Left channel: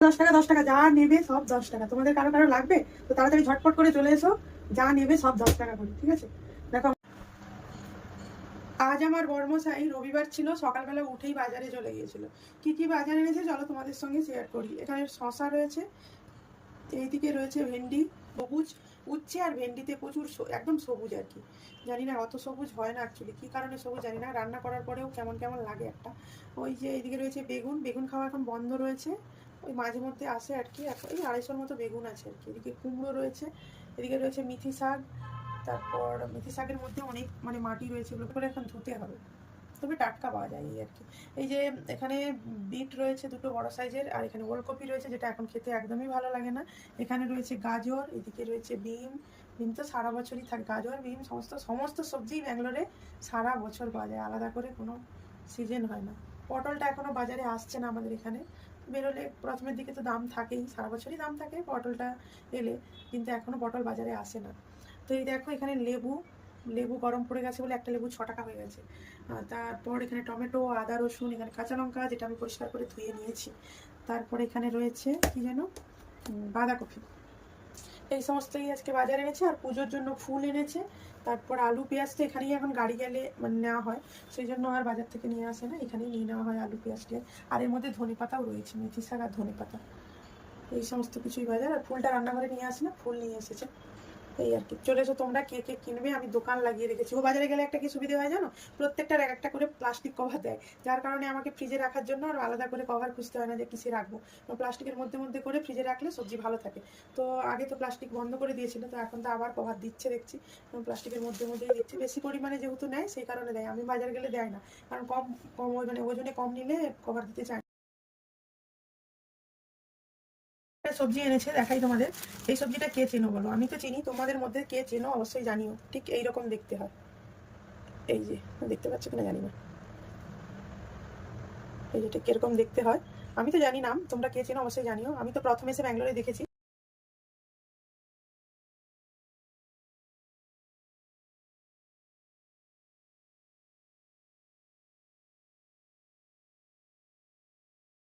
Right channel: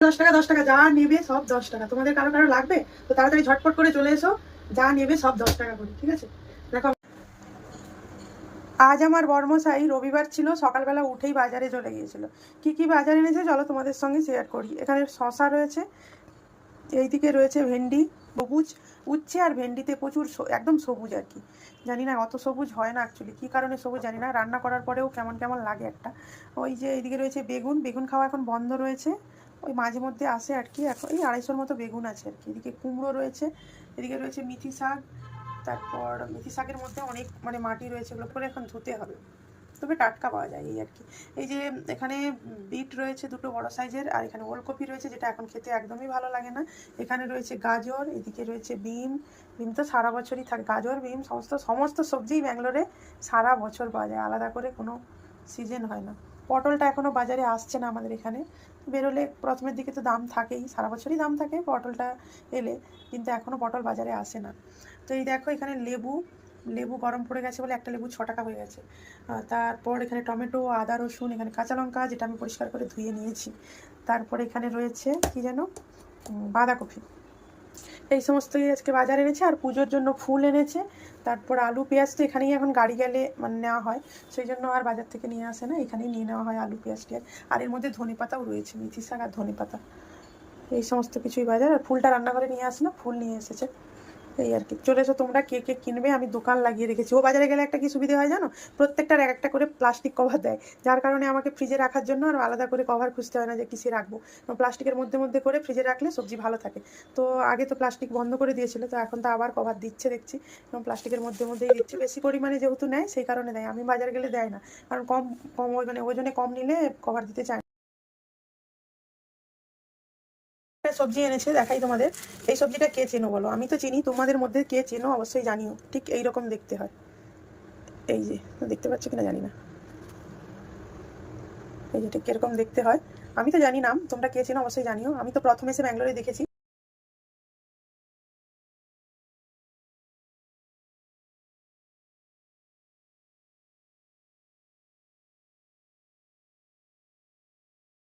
10 টাকা 10 টাকা যা নেবে সব 10 টাকা। তোমাদের কারো কারো লাগবে তো তাড়াতাড়ি ঝটপট করে চলে এসো, যা নেবে সব 10 টাকা করে, ঠিক আছে? দেখো, আজ আমার বর্মশাই রবিবার ছিল, সকালবেলা উঠেই বাজারে চলে গিয়েছিল। কি কি বাজার এনেছে চলো তোমাদের সঙ্গে শেয়ার করি। এখানে শশা রয়েছে, এইদিকে রয়েছে ভেন্ডি, সবুজ উচ্ছে, আর ভেন্ডিতে প্রচুর একদম সবুজ আর কি। জানি না, অত সবুজ হয় না অ্যাকচুয়ালি, কী কারণে সবুজ জানি না, রান্না করার পরেও কেমন কেমন লাগে একটা। ওই যে এইদিকে রয়েছে বেগুন, বেগুন খাওয়া এখন বন্ধ রয়েছে, ওই মাঝে মধ্যে আসে আর কি। এখন এই 250-র মতো বেগুন আছে আর কি। এদিকে কুমড়ো রয়েছে, এদিকে রয়েছে মিথি শাক, তারপর মিথি শাকের মধ্যে অনেক মানে মাটি রয়েছে, ওগুলো করে এখন ধুতে হবে, তবে টাটকা পাওয়া যায় এই আর কি। এই যে এখানে বিট রয়েছে দুটো বড় সাইজের, আর এখানে ওলকপি রয়েছে যেটা এখন খেতে একদমই ভালো লাগে না। এখানে রয়েছে গাজর, এদিকে রয়েছে বিম। বিম তো সারা বছরই থাকে, গাজর বিম সমস্ত সমস্ত সবজিই ব্যাঙ্গালোরে সারা বছর পাওয়া যায়, আলাদা করে কোনো সিজন হয় না। পটলটা এখনও বাজারে আসছে না আমাদের এখানে, বেরোলে প্রথমের দিকে তো দাম থাকেই, সারা বছরই দাম থাকে পটলটা এলে, কিন্তু এখনও পটল বাজারে আসে না। তো এই দেখো এখানে লেবু, লেবু গরম পড়ে গেছে বলে একটা লেবু 6 টাকা হয়ে গেছে। তারপর এখানে টমেটো, আদা রসুন, এখানে কাঁচা লঙ্কা যেটা আমি পরিষ্কার করে ধুয়ে নিয়েছি। তারপরে এখানে রয়েছে কি যেন বাঁধাকপি। এই সমস্তই আজকে বাজার এনেছে, আর পুজোর জন্য ফুল এনেছে। তারপর আলু পেঁয়াজ তো এখানেই এখন গাড়ি গেলে মানে নেওয়া হয়, সেই জন্য আর বাজার থেকে নিয়ে আসে না, এখানেই নিয়ে নেওয়া হয় আলু পেঁয়াজ টিয়াজ। আর এর মধ্যে ধনে পাতাও রয়েছে, মেথি শাক আর ধনে পাতা, এই সমস্ত কিছুই বাজার। আর ফুলটা রান্নাঘরে নিয়ে আসে না, ফুল নিয়ে এসেছে। এই আর কি, চলে এসো তোমরা, কে কে কিনবে, আমি দোকান লাগিয়ে রেখেছি। ও বাজারে গেলে একটা কি সুবিধা হয় জানো, প্রত্যেকটার এক একটা করে প্লাস্টিক কভার দেয়, যার কারণে আমাকে ফ্রিজে রাখার জন্য আর আলাদা করে কভার খুঁজতে হয় না যে কিসে রাখবো। প্লাস্টিকের মধ্যে মধ্যে করে ফ্রিজে রাখলে সবজি ভালো থাকে। তো আগে তো প্লাস্টিক বন্ধ করে দিয়েছিল, তো এখন তো আবার কভার দিচ্ছে দেখছি, এবং প্লাস্টিকের মধ্যে মধ্যেই দিচ্ছে, বেশি পরিমাণে যেহেতু নেয় সেই কারণে দেয়। আমি বাজার গেলে দেয় না, কারণ কম কম ওই মানে ওজনে কম নিলে কভার দিতে চায় না। সবজি এনেছে দেখাই তোমাদের। এই সবজিটা কে চেনো বলো, আমি তো চিনি, তোমাদের মধ্যে কে চেনো অবশ্যই জানিও। ঠিক এইরকম দেখতে হয়, এই যে দেখতে পাচ্ছ কিনা জানি না, এই যে ঠিক কিরকম দেখতে হয় আমি তো জানি না, তোমরা কে চেনো অবশ্যই জানিও। আমি তো প্রথমে এসে ব্যাঙ্গালোরে দেখেছি।